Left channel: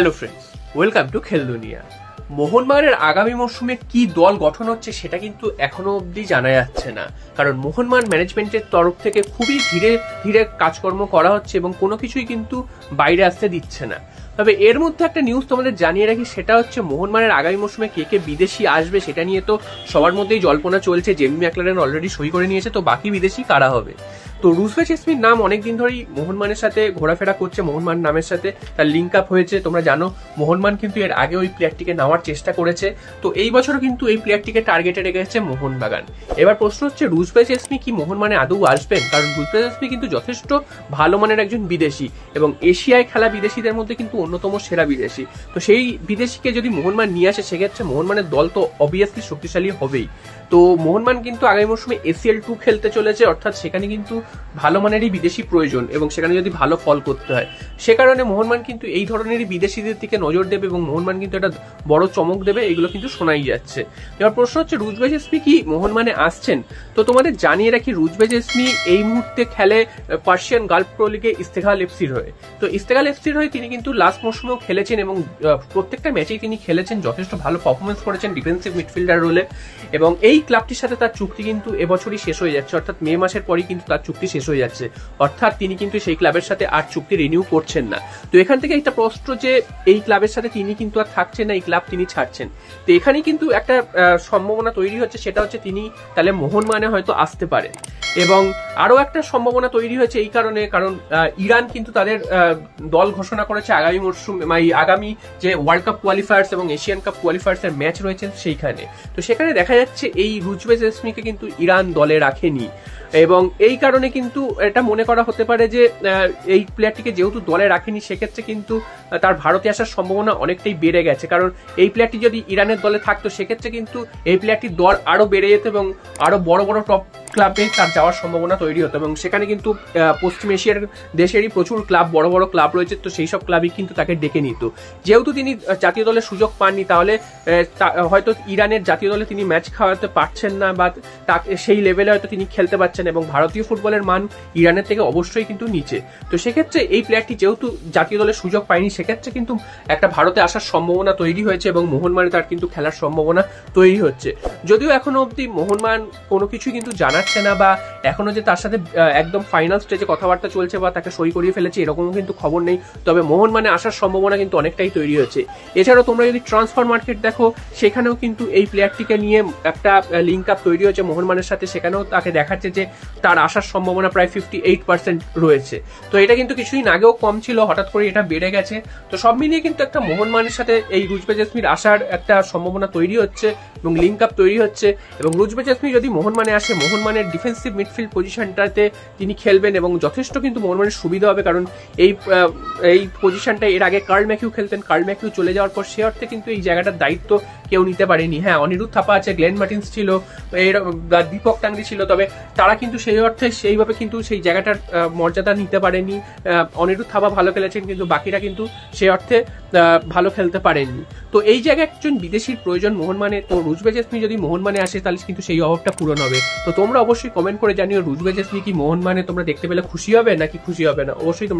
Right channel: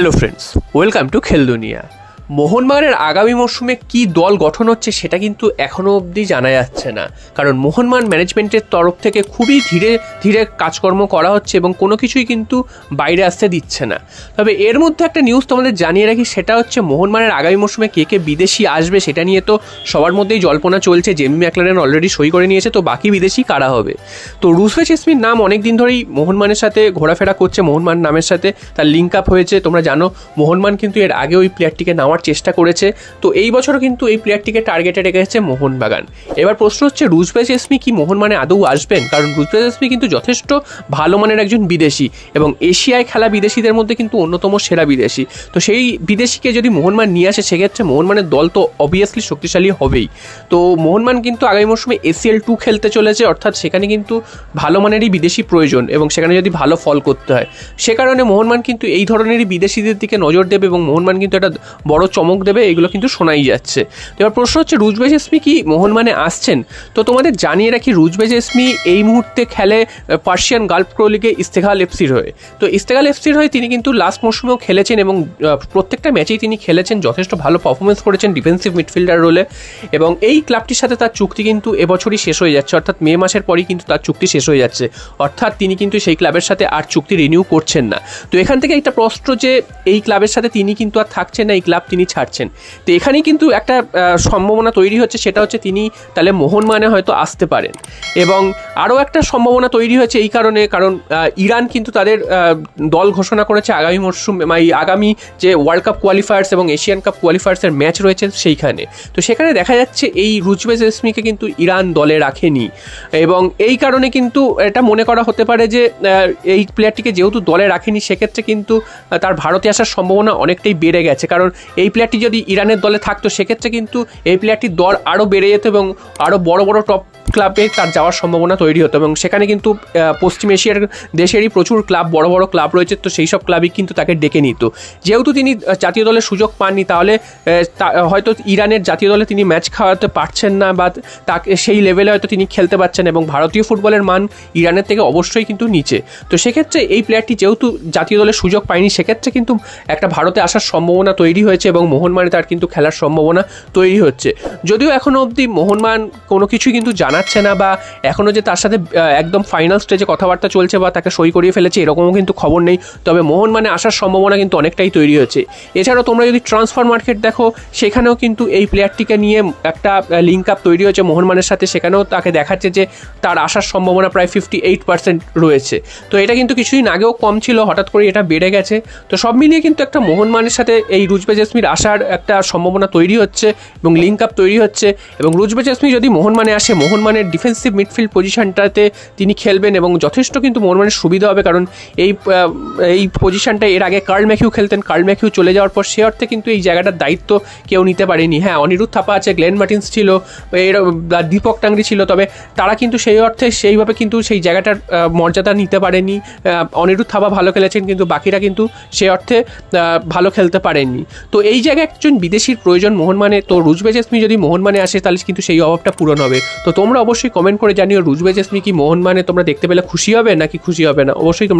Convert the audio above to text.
Hello friends, welcome to খেল দুনিয়া। মোহনবাগানের আগামী মরশুমে কী দল গঠন হচ্ছে সেটা কিন্তু এখনও অবধি জানা যাচ্ছে না, কারণ মোহনবাগান ম্যানেজমেন্টের তরফ থেকে খুবই ধীরে ধীরে কাজকর্ম করা হচ্ছে এবং কোনো কিছুই কিন্তু বাইরে আসতে দিচ্ছে না। তবে এর মধ্যে একটা নিউজ তোমাদের জানিয়ে রাখি, সেটা হচ্ছে মোহনবাগানের আগামী মরশুমে কে কে বিদেশি আসবে সেটা নিয়ে তো সবার মধ্যেই জল্পনা চলছে। জেমি ম্যাকলারেন অলরেডি সই করে নিয়েছে, তো বাকি বিদেশি কারা হবে? তো রুজবে চেসমির নাম অনেক দিন ধরেই মোহনবাগানের সাথে ঘোরাফেরা করছে, মোহনবাগান নামের সাথে তার লিঙ্ক আপ হয়েছে। তোমরা জানো মোহনবাগান কিন্তু এর আগে ওই প্লেয়ারটিকে নেওয়ার চেষ্টা করেছে, তো এই বছরও কিন্তু এই প্লেয়ারটিকে টার্গেটে রেখেছে মোহনবাগান। এবার প্রশ্ন হচ্ছে রুজবে চেসমি কি মোহনবাগানে আদৌ আসবেন? কারণ রুজবে চেসমি কিন্তু যথেষ্ট ভালো মানের একজন বিদেশি এবং এশিয়ায় খেলা বিদেশিদের মধ্যে কিন্তু অন্যতম সেরা বিদেশি। তো সেই বিদেশিকে যদি মোহনবাগান নিয়ে আসে সেক্ষেত্রে মোহনবাগানের দল তো অবভিয়াসলি শক্তিশালী হবেই। তো মোহনবাগান কিন্তু আগামী মরশুমে ACL2 খেলতে চলেছে, অর্থাৎ সেখানে কিন্তু ভালো মানেরই বিদেশি প্রয়োজন এবং সেখানে যদি ভালো ফল করতে হয়, সে কারণে মোহনবাগান কিন্তু এই ধরনেরই বিদেশিদের দিকে নজর দেবে এবং মোহনবাগান কিন্তু একটা বড় চমক দেবে, এগুলো কিন্তু শোনাই যাচ্ছে। তো এবার প্রশ্ন হচ্ছে রুজবে চেসমি কি মোহনবাগানে আসছেন? তো তোমাদের জানিয়ে রাখি, রুজবে চেসমি এই মুহূর্তে খেলে পার্সিয়ান গালফ প্রো লিগে ইস্তেকলাল এফসির হয়ে। তো ইস্তেকলাল এফসির হয়ে তিনি কিন্তু লাস্ট মরশুমেও খেলেছেন এবং প্রত্যেকটা ম্যাচেই তিনি খেলেছেন, যথেষ্ট ভালো পারফরমেন্স করেছেন ডিফেন্সিভ মিডফিল্ডার রোলে। এবং এই ক্লাবটির সাথে তার চুক্তি কিন্তু এবছরই শেষ হয়ে যাচ্ছে, অর্থাৎ মে মাসের পরই কিন্তু তার চুক্তি শেষ হয়ে যাচ্ছে, অর্থাৎ তিনি কিন্তু সেই ক্লাবের সাথে আর চুক্তি রিনিউ করছেন না। তো এখান থেকে একটা প্রশ্ন যে এই ক্লাবের সাথে তিনি কিন্তু আর থাকছেন না, এই ক্লাব তিনি ছাড়ছেন। তো এখানেই কিন্তু একটা সম্ভাবনা তৈরি হচ্ছে, সেটা হচ্ছে তিনি তাহলে মোহনবাগানে হয়তো আসতে পারেন। এবং আরও একটা সম্ভাবনা তৈরি হয়েছে এই কারণে, কারণ ইরান কিন্তু তাদের দল ঘোষণা করেছে আগামী মরশুম, আগামী যে ওয়ার্ল্ড কাপ কোয়ালিফায়ার্স এবং এশিয়ান কাপ কোয়ালিফায়ার্সের ম্যাচ রয়েছে সেইখানে। তো সেখানে দেখা যাচ্ছে এই রুজবে চেসমিকে কিন্তু ইরান দলে রাখেনি এবং এই কারণে কিন্তু এটা মনে করা হতে পারে যে এই প্লেয়ারটিকে যেহেতু দলে রাখেনি সেক্ষেত্রে কিন্তু তার ভারতে আসার সম্ভাবনা অনেকটাই বেড়ে গেছে। কারণ এই প্লেয়ারটি যদি ইরানের দলে থাকতো সেক্ষেত্রে কিন্তু এই প্লেয়ারটির দর আরও বেড়ে যেত এবং আরও বড় বড় টপ ক্লাবে তার যাওয়ার সম্ভাবনা তৈরি হতো এবং সেখানে কিন্তু পশ্চিম এশিয়ার দেশেরই প্রচুর ক্লাব, বড় বড় ক্লাব রয়েছে, তো সেই সব ক্লাবই কিন্তু তাকে ডেকে নিত। যেহেতু তিনি জাতীয় দলের সুযোগ পাননি, তাহলে হয়তো ইরানের জাতীয় দলে তিনি ম্যাচ খাওয়াতে পারছেন না বা তাকে সেই লেভেলে হয়তো তিনি খেলতে পারছেন এবং ভারতীয় ফুটবলের মান ইরানের থেকে অবশ্যই কিন্তু নিচে। তো সেক্ষেত্রে এই প্লেয়ারটি যেহেতু জাতীয় দলের সুযোগ পায়নি সেক্ষেত্রে কিন্তু একটা ভারতে আসার সম্ভাবনা তৈরি হয়েছে এবং মোহনবাগানে তার কিন্তু খেলার সম্ভাবনা তৈরি হচ্ছে। যদিও এখনও অবধি মোহনবাগান কোনো কিছুই কিন্তু জানাচ্ছে না বা এখনও যে তার সাথে একদম ফাইনাল স্টেজে কথাবার্তা চলছে বা তাকে সই করিয়ে ফেলেছে এরকমও কিন্তু খবর নেই। তবে মোহনবাগানে আসার সম্ভাবনা কিন্তু অনেকটাই তৈরি হয়েছে। এছাড়াও তোমরা যদি ট্রান্সফার মার্কেট দেখো সেখানেও কিন্তু এই প্লেয়ারটিকে নিয়ে একটা লিঙ্ক আপ তৈরি হয়েছে মোহনবাগানের সাথে, সেখানেও তাকে দেখাচ্ছে যে তার আসার সম্ভাবনা প্রায় 58% রয়েছে। তো এটা কিন্তু কিছুদিন আগেও কম ছিল, হঠাৎ করে এটা বেড়ে গেছে। তো সব মিলিয়ে কিন্তু একটা মোহনবাগানের সাথে এই রুজবে চেসমির আসার একটা সম্ভাবনা তৈরি হচ্ছে এবং লিঙ্ক আপ তৈরি হচ্ছে। এবং রুজবে চেসমি যদি মোহনবাগানে আসে, মোহনবাগানের ডিফেন্সিভ মিডফিল্ড পজিশনটাতে তিনি খেলবেন এবং যথেষ্ট কিন্তু মোহনবাগানের সুবিধা হবে, কারণ এই পজিশনটা এর আগে কার্ল ম্যাকিউ খেলতেন। কার্ল ম্যাকিউ চলে যাওয়ার পর সে অর্থে কিন্তু এই জায়গাটার দায়িত্ব কেউ নিতে পারেনি। হ্যাঁ, অনিরুদ্ধ থাপা আছে, গ্লেন মার্টিন্স ছিল, দীপক টাংরি ছিল, তবে তারা কিন্তু সেই অর্থে সেইভাবে কিন্তু সেই জায়গাটার মর্যাদা নিতে পারেনি। অনিরুদ্ধ থাপা ভালো খেলেছেন কিন্তু বাকিরা কিন্তু সে অর্থে ভালো খেলতে পারেননি। তো এই জায়গায় একজন বিদেশির প্রয়োজন মোহনবাগানে। তো রুজবে চেসমি যদি মোহনবাগানে আসে তাহলে কিন্তু সেই অভাবটা পূরণ হবে। তো তোমরা অবশ্যই কমেন্ট করে জানিও রুজবে চেসমি কি মোহনবাগানে তোমরা দেখতে পেলে খুশি হবে নাকি খুশি হবে না, অবশ্যই তোমরা